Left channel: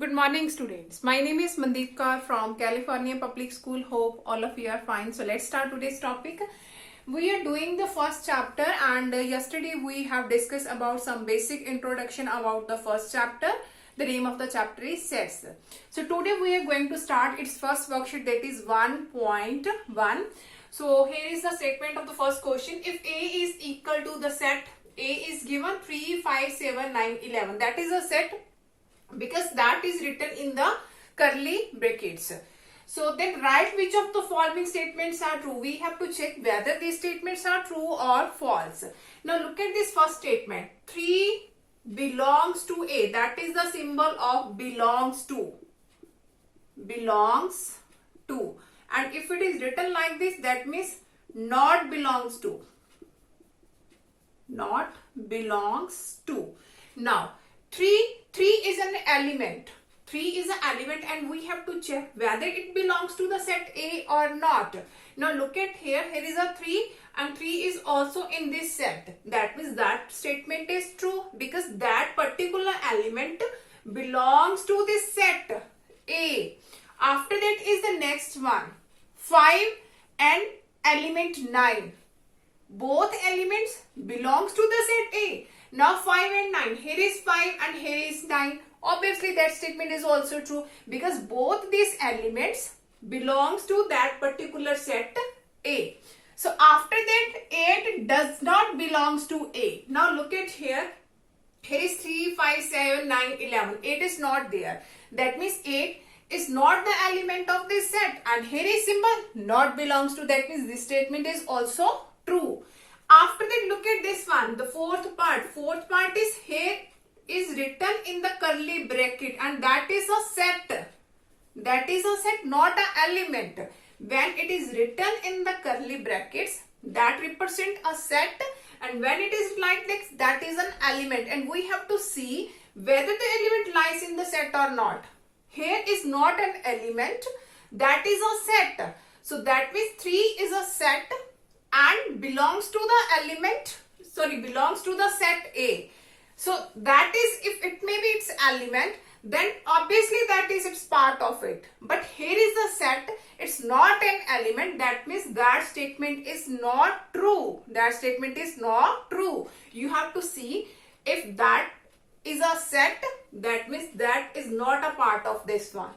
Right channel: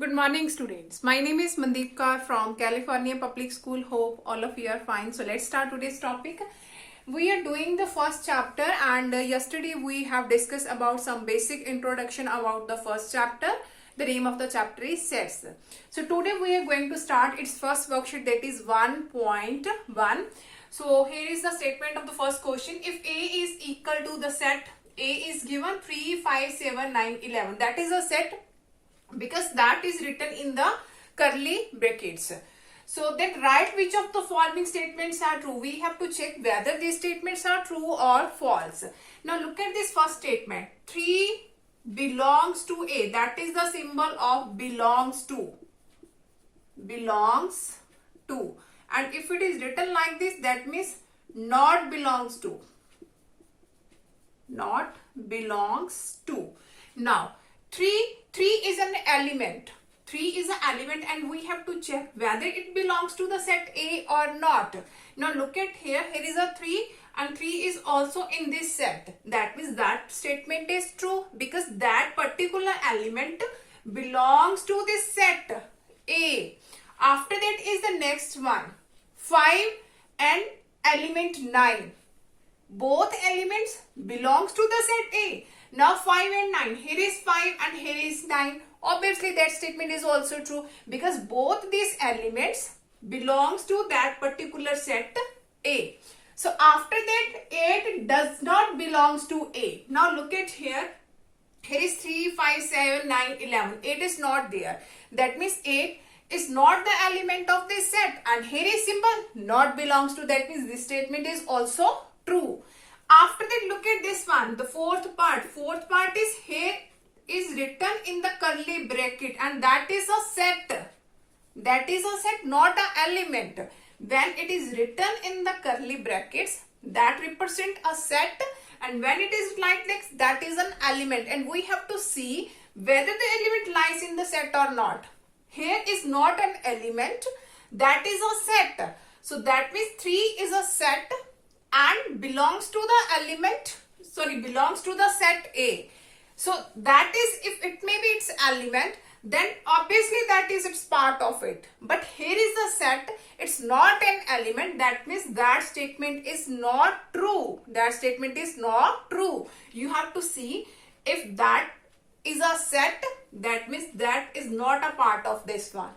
Good morning, students. My name is Mandeep Kaur from California Public School. Hope all of you are fine. So let's start today's topic. We are doing the first chapter, and yesterday we have discussed about some basic introduction about the first chapter. The name of the chapter is sets. So today we are going to start its first worksheet, that is 1.1. So here is the statement of the first question. If A is equal to the set A is given 3, 5, 7, 9, 11. That is a set because that is written in the curly brackets. So then write which of the following statements are true. We have to check whether these statements are true or false. Now look at this first statement. 3 belongs to A. That is the symbol of belongs to. Belongs to. And if it is written like this, that means not belongs to. Not belongs to. Now 3 is an element. 3 is an element and we have to check whether it belongs to the set A or not. Now look at here. Here is a 3 and 3 is also in this set. That means that statement is true because that particular element belongs to this set A. After that is the next one. 5 and element 9. Both elements belongs to the set A. Now 5 and 9. Here is 5 and here is 9. Obviously that statement is also true because both these elements belongs to that particular set A. So after that 8 does not belongs to A. Now look at here. Here is 3, 5, 7, 9, 11. 8 is not there. That means 8 is not the element of this set. And here is symbol not belongs to. That means this statement is also true. After that, look at this one, the fourth part. Fourth part is here is written in the curly bracket and that is a set. That is a set, not an element. When it is written in the curly brackets, that represent a set, and when it is like this, that is an element, and we have to see whether the element lies in the set or not. Here is not an element, that is a set. So that means 3 is a set and belongs to the element, belongs to the set A. So that is, if it may be its element, then obviously that is its part of it. But here is the set, it's not an element, that means that statement is not true. That statement is not true. You have to see if that is a set, that means that is not a part of this one.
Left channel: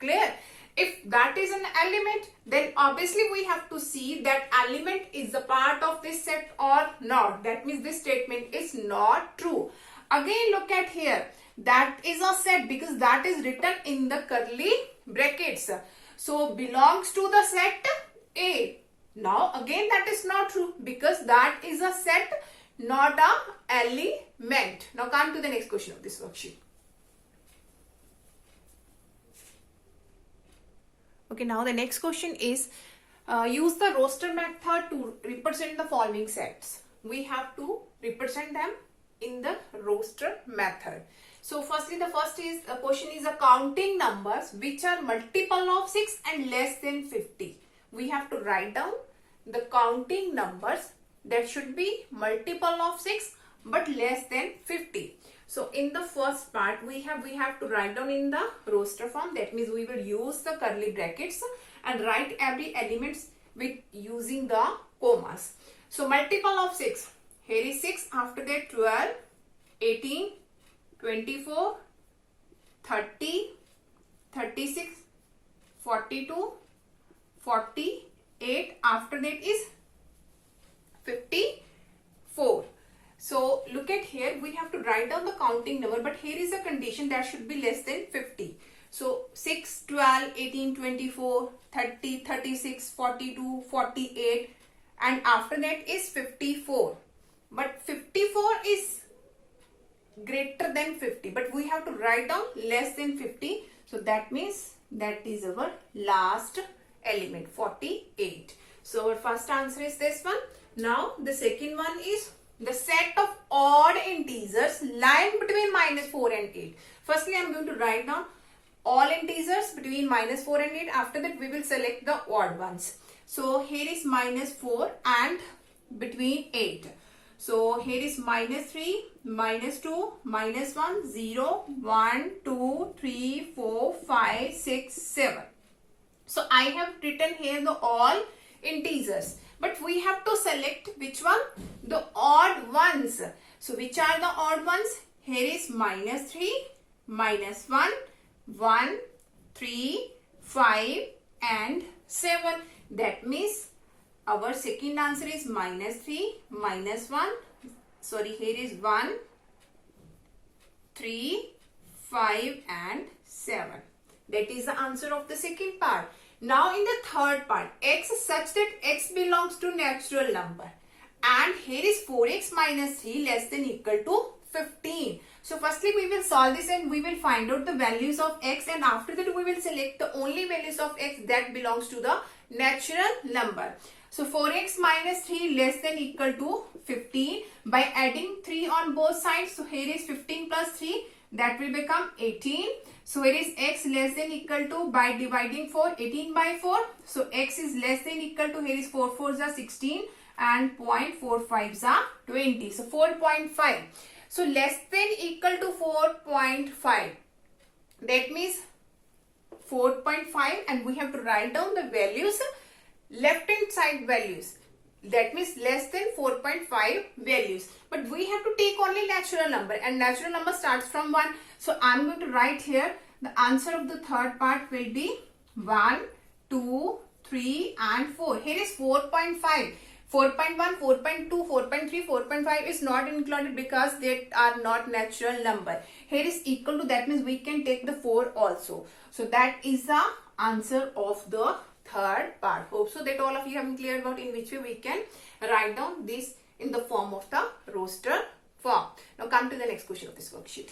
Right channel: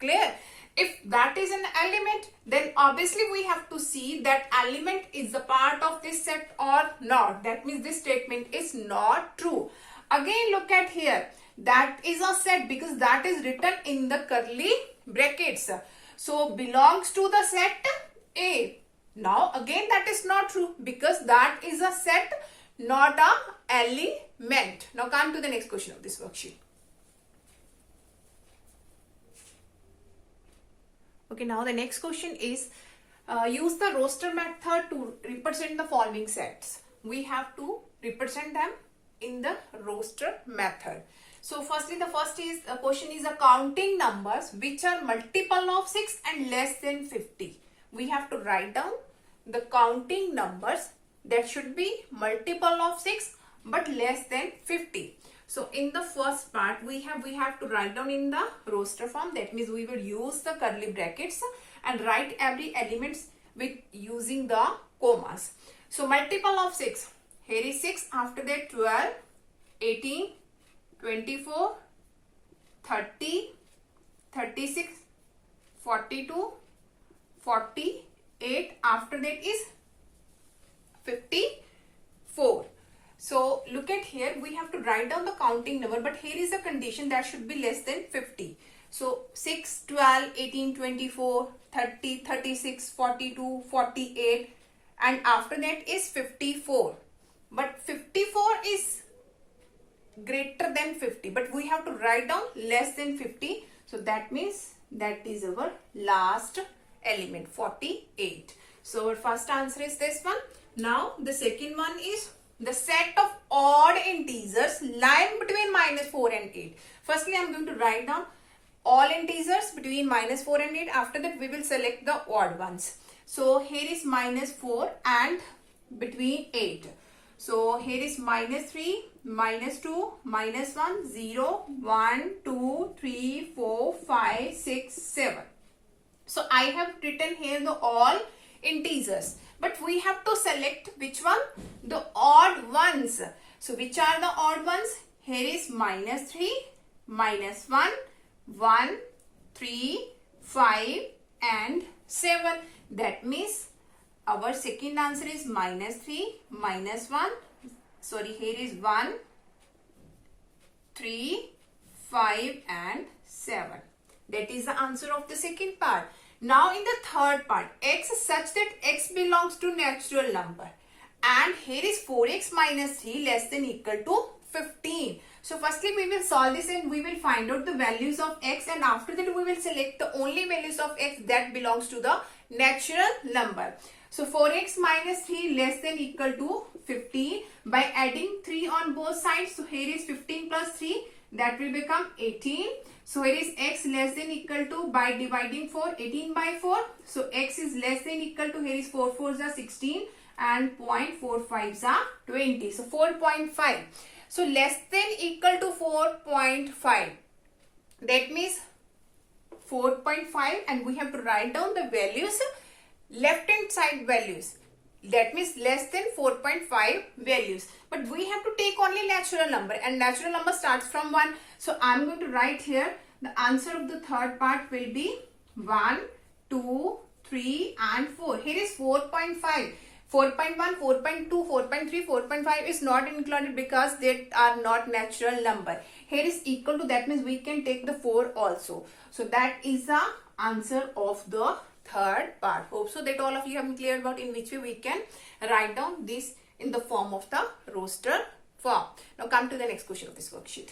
Clear? If that is an element, then obviously we have to see that element is a part of this set or not. That means this statement is not true. Again look at here. That is a set because that is written in the curly brackets. So belongs to the set A. Now again that is not true because that is a set, not a element. Now come to the next question of this worksheet. Okay, now the next question is use the roster method to represent the following sets. We have to represent them in the roster method. So firstly, the first is question is counting numbers which are multiple of 6 and less than 50. We have to write down the counting numbers that should be multiple of 6 but less than 50. So in the first part, we have to write down in the roster form. That means we will use the curly brackets and write every element with using the commas. So multiple of 6. Here is 6. After that 12, 18, 24, 30, 36, 42, 48. After that is 54. So look at here, we have to write down the counting number, but here is a condition that should be less than 50. So 6, 12, 18, 24, 30, 36, 42, 48 and after that is 54. But 54 is greater than 50, but we have to write down less than 50. So that means that is our last element, 48. So our first answer is this one. Now the second one is the set of odd integers lying between -4 and 8. Firstly, I am going to write down all integers between -4 and 8. After that, we will select the odd ones. So here is -4 and between 8. So here is minus 3, minus 2, minus 1, 0, 1, 2, 3, 4, 5, 6, 7. So I have written here the all integers. But we have to select which one? The odd ones. So which are the odd ones? Here is minus 3, minus 1, 1, 3, 5 and 7. That means our second answer is minus 3, minus 1. Sorry, here is 1, 3, 5 and 7. That is the answer of the second part. Now in the third part, x is such that x belongs to natural number. And here is 4x minus 3 less than equal to 15. So firstly we will solve this and we will find out the values of x, and after that we will select the only values of x that belongs to the natural number. So 4x minus 3 less than equal to 15 by adding 3 on both sides. So here is 15 plus 3, that will become 18. So here is x less than equal to by dividing 4, 18 by 4. So x is less than equal to, here is 4 4s are 16 and 0.45s are 20. So 4.5. So less than equal to 4.5. That means 4.5, and we have to write down the values, left hand side values. That means less than 4.5 values. But we have to take only natural number, and natural number starts from 1. So I am going to write here the answer of the third part will be 1, 2, 3 and 4. Here is 4.5. 4.1, 4.2, 4.3, 4.5 is not included because they are not natural number. Here is equal to, that means we can take the 4 also. So that is the answer of the third part. Hope so that all of you have cleared about in which way we can write down this in the form of the roster form. Now come to the next question of this worksheet.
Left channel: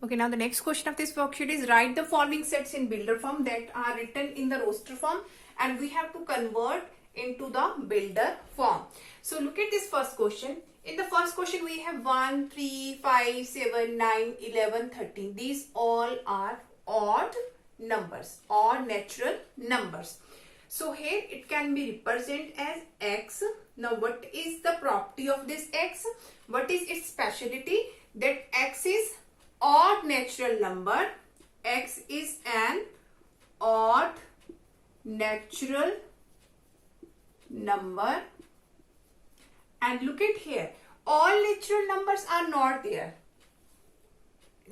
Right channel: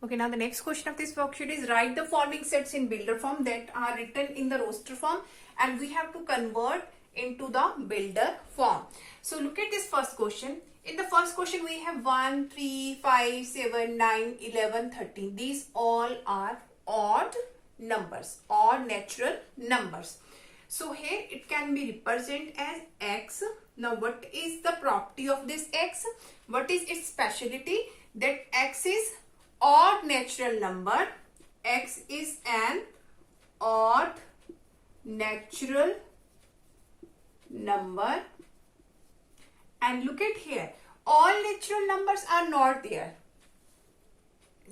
Okay, now the next question of this worksheet is write the following sets in builder form that are written in the roster form, and we have to convert into the builder form. So look at this first question. In the first question we have 1, 3, 5, 7, 9, 11, 13. These all are odd numbers or natural numbers. So here it can be represented as x. Now what is the property of this x? What is its speciality? That x is odd natural number. X is an odd natural number. And look at here, all natural numbers are not there.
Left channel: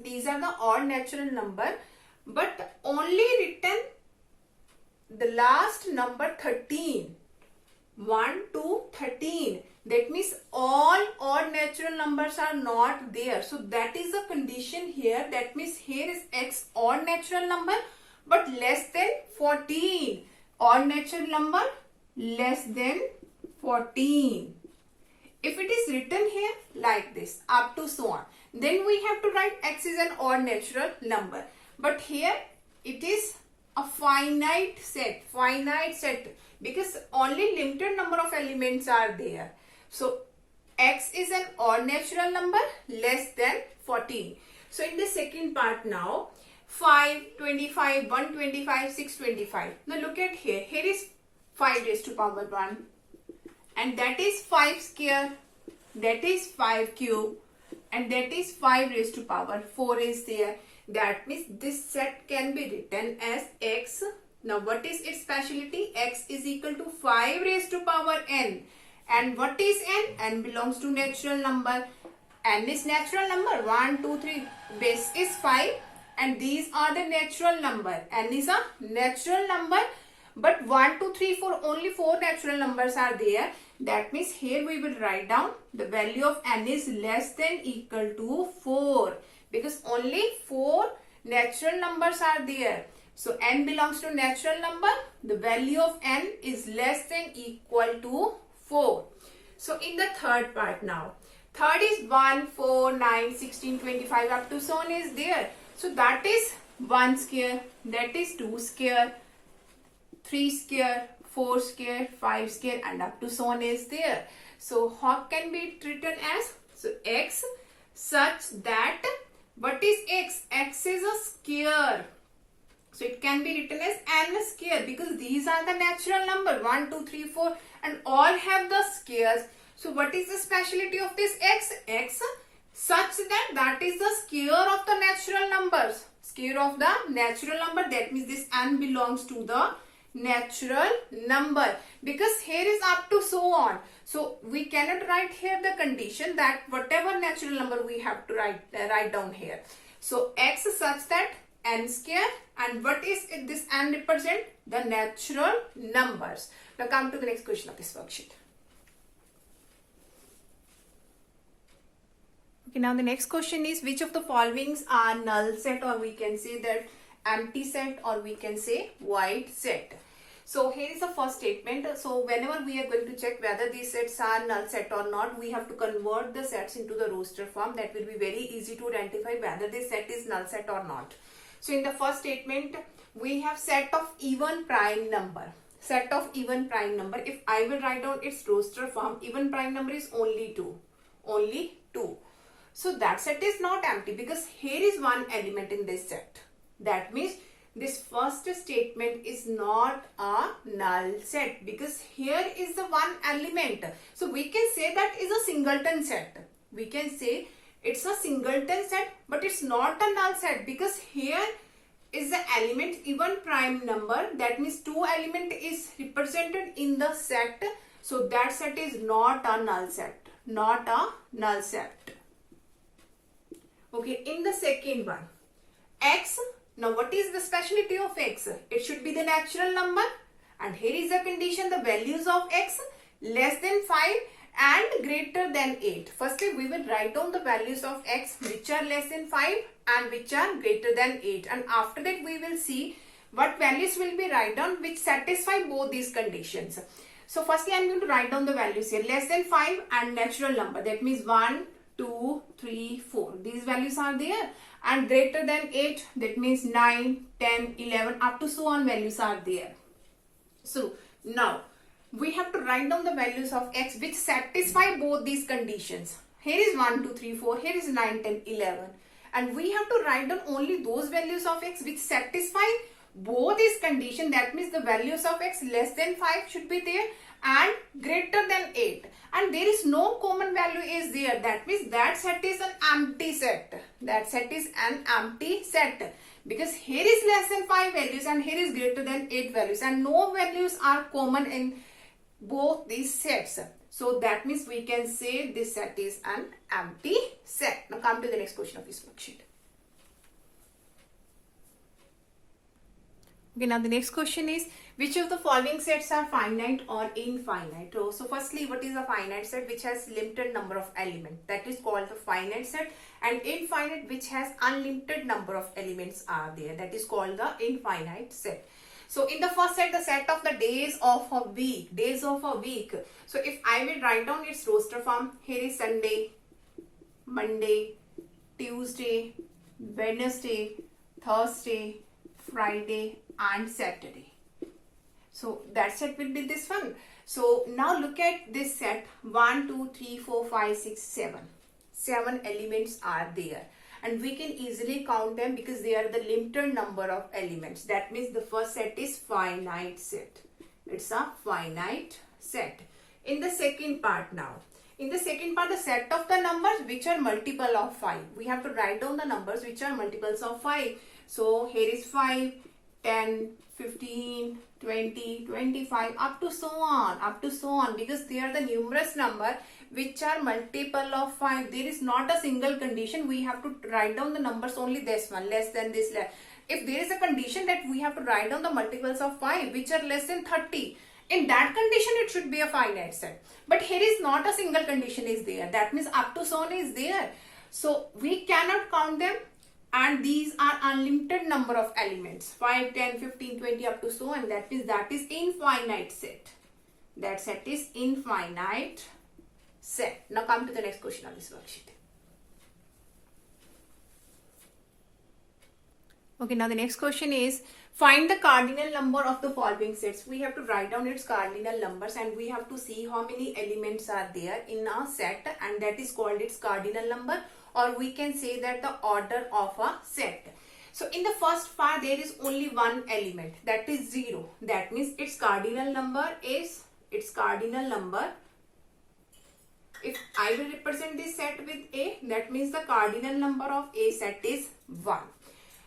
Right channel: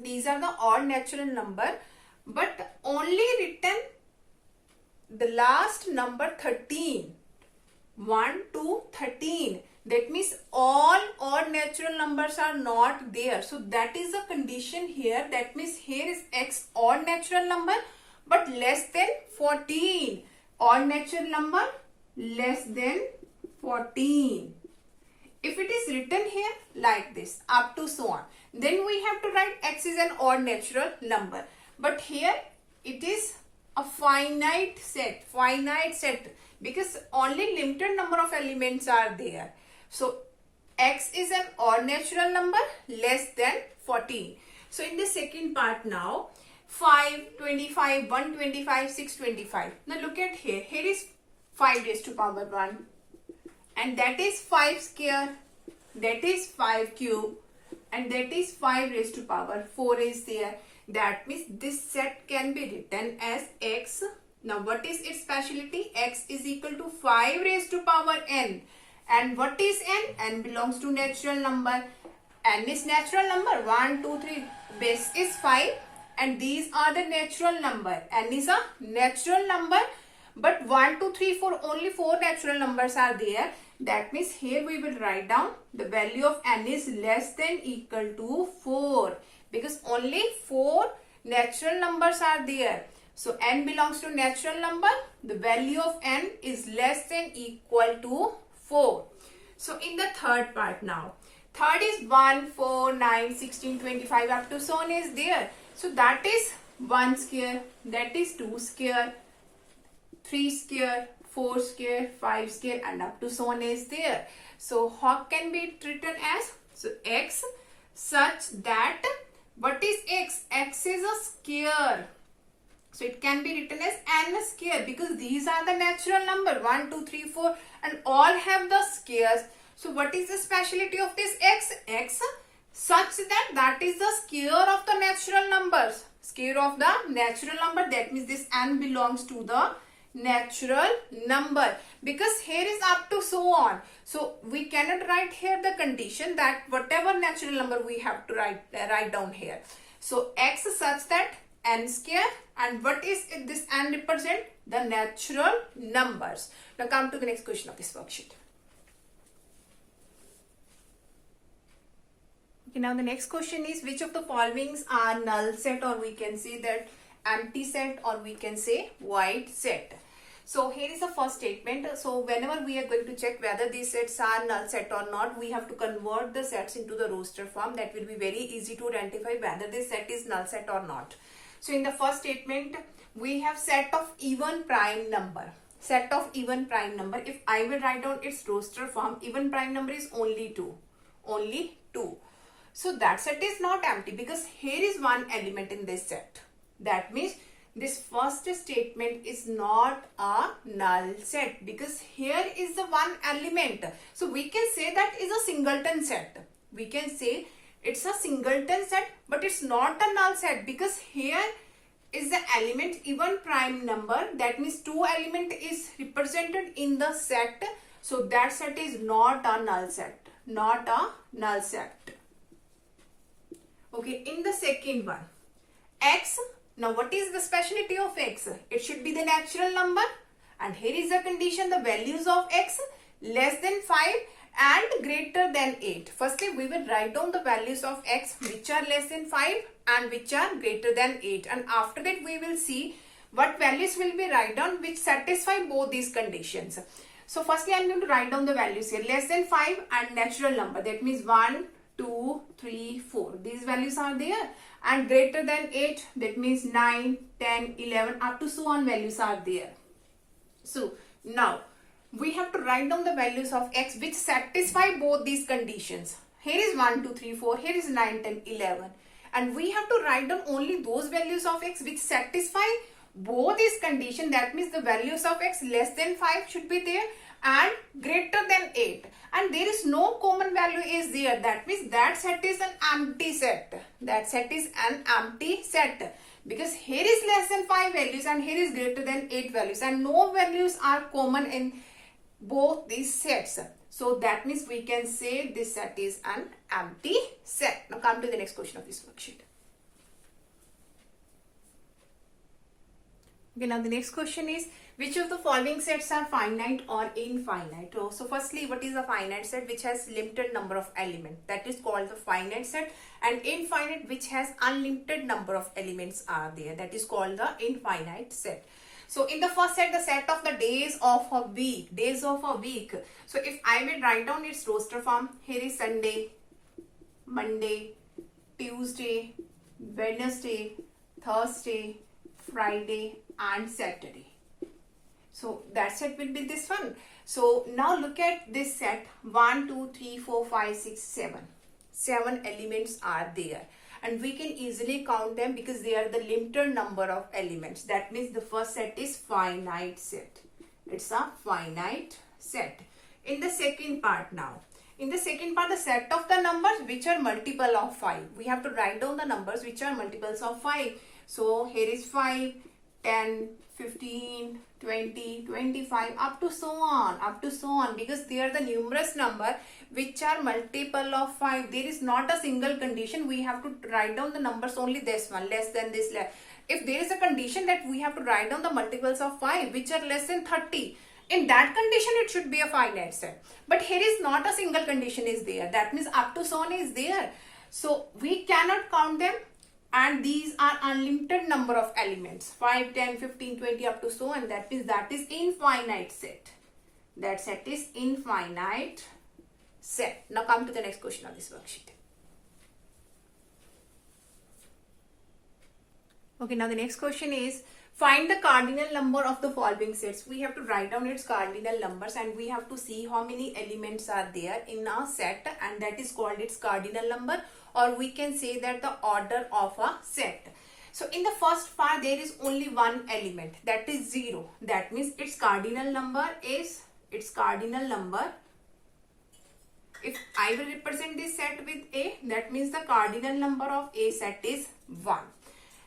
These are the odd natural number, but only written the last number 13. 1 to 13. That means all odd natural numbers are not there. So that is the condition here. That means here is x odd natural number but less than 14. Odd natural number less than 14. If it is written here like this up to so on, then we have to write x is an odd natural number. But here it is a finite set because only limited number of elements are there. So x is an odd natural number less than 14. So in the second part now, 5, 25, 125, 625. Now look at here. Here is 5 raised to power 1. And that is 5 square. That is 5 cube. And that is 5 raised to power 4 is there. That means this set can be written as x. Now what is its speciality? X is equal to 5 raised to power n. And what is n? N belongs to natural number. N is natural number. 1, 2, 3. Base is 5. And these are the natural number. N is a natural number. But 1, 2, 3, 4, only 4 natural numbers are there. That means here we will write down the value of n is less than equal to 4. Because only 4 natural numbers are there. So n belongs to natural number. The value of n is less than equal to 4. So in the third part now. Third is 1, 4, 9, 16, 25 up to so on is there. So that is 1 square. That is 2 square. 3 square. 4 square. 5 square and up to so on is there. So how can be written as? So x such that, what is x? X is a square. So it can be written as n square because these are the natural number 1, 2, 3, 4 and all have the squares. So what is the speciality of this x? X such that that is the square of the natural numbers. Square of the natural number, that means this n belongs to the natural number because here is up to so on. So we cannot write here the condition that whatever natural number we have to write down here. So x is such that n square, and what is it, this n represent? The natural numbers. Now come to the next question of this worksheet. Okay, now the next question is which of the followings are null set, or we can say that empty set, or we can say void set. So here is the first statement. So whenever we are going to check whether these sets are null set or not, we have to convert the sets into the roster form. That will be very easy to identify whether this set is null set or not. So in the first statement, we have set of even prime number. Set of even prime number. If I will write down its roster form, even prime number is only 2. Only 2. So that set is not empty because here is one element in this set. That means this first statement is not a null set because here is the one element. So we can say that is a singleton set. We can say it's a singleton set, but it's not a null set because here is the element even prime number. That means 2 element is represented in the set. So that set is not a null set. Not a null set. Okay, in the second one, x. Now what is the speciality of x? It should be the natural number, and here is the condition, the values of x less than 5 and greater than 8. Firstly, we will write down the values of x which are less than 5 and which are greater than 8, and after that we will see what values will be write down which satisfy both these conditions. So firstly I am going to write down the values here, less than 5 and natural number, that means 1, 2, 3, 4. These values are there, and greater than 8, that means 9, 10, 11 up to so on values are there. So now we have to write down the values of x which satisfy both these conditions. Here is 1, 2, 3, 4, here is 9, 10, 11, and we have to write down only those values of x which satisfy both these conditions. That means the values of x less than 5 should be there and greater than 8, and there is no common value is there. That means that set is an empty set. That set is an empty set because here is less than 5 values and here is greater than 8 values, and no values are common in both these sets. So that means we can say this set is an empty set. Now come to the next question of this worksheet. Okay, now the next question is which of the following sets are finite or infinite? So firstly, what is a finite set? Which has limited number of elements. That is called the finite set. And infinite, which has unlimited number of elements are there. That is called the infinite set. So in the first set, the set of the days of a week. Days of a week. So if I will write down its roster form, here is Sunday, Monday, Tuesday, Wednesday, Thursday, Friday and Saturday. So that set will be this one. So now look at this set. 1, 2, 3, 4, 5, 6, 7. 7 elements are there. And we can easily count them because they are the limited number of elements. That means the first set is finite set. It's a finite set. In the second part now. In the second part, the set of the numbers which are multiple of 5. We have to write down the numbers which are multiples of 5. So here is 5, 10, 15, 20, 25 up to so on because they are the numerous number which are multiple of 5. There is not a single condition. We have to write down the numbers only this one, less than this. If there is a condition that we have to write down the multiples of 5 which are less than 30, in that condition it should be a finite set. But here is not a single condition is there. That means up to so on is there. So we cannot count them. And these are unlimited number of elements. 5, 10, 15, 20 up to so on. That means that is infinite set. That set is infinite set. Now come to the next question on this worksheet. Okay, now the next question is find the cardinal number of the following sets. We have to write down its cardinal numbers and we have to see how many elements are there in a set, and that is called its cardinal number, or we can say that the order of a set. So in the first part there is only one element, that is 0. That means its cardinal number. If I will represent this set with A, that means the cardinal number of A set is 1.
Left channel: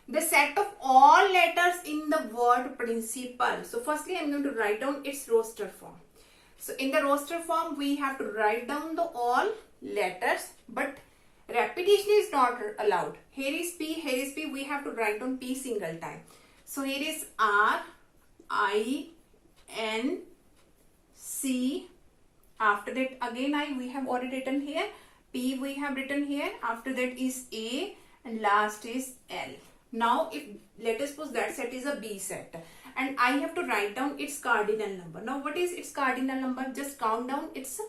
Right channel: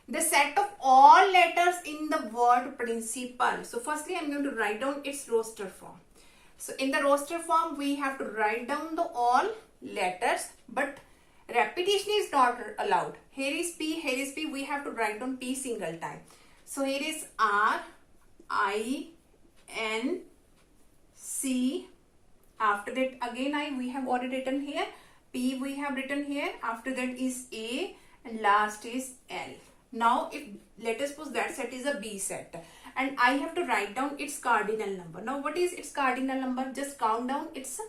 The set of all letters in the word principal. So firstly I am going to write down its roster form. So in the roster form we have to write down the all letters, but repetition is not allowed. Here is P, we have to write down P single time. So here is R, I, N, C. After that again we have already written here. P we have written here. After that is A and last is L. Now if let us suppose that set is a B set and I have to write down its cardinal number. Now what is its cardinal number? Just count down its,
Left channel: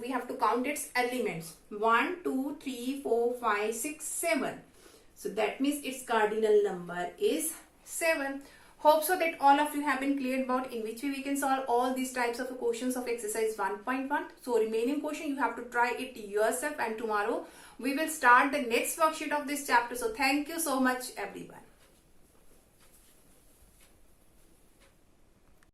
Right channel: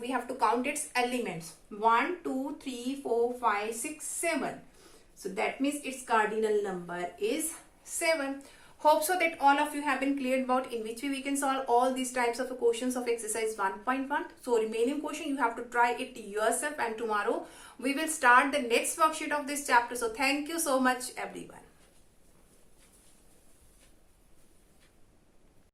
we have to count its elements. 1, 2, 3, 4, 5, 6, 7. So that means its cardinal number is 7. Hope so that all of you have been cleared about in which way we can solve all these types of questions of exercise 1.1. So remaining question you have to try it yourself, and tomorrow we will start the next worksheet of this chapter. So thank you so much everyone.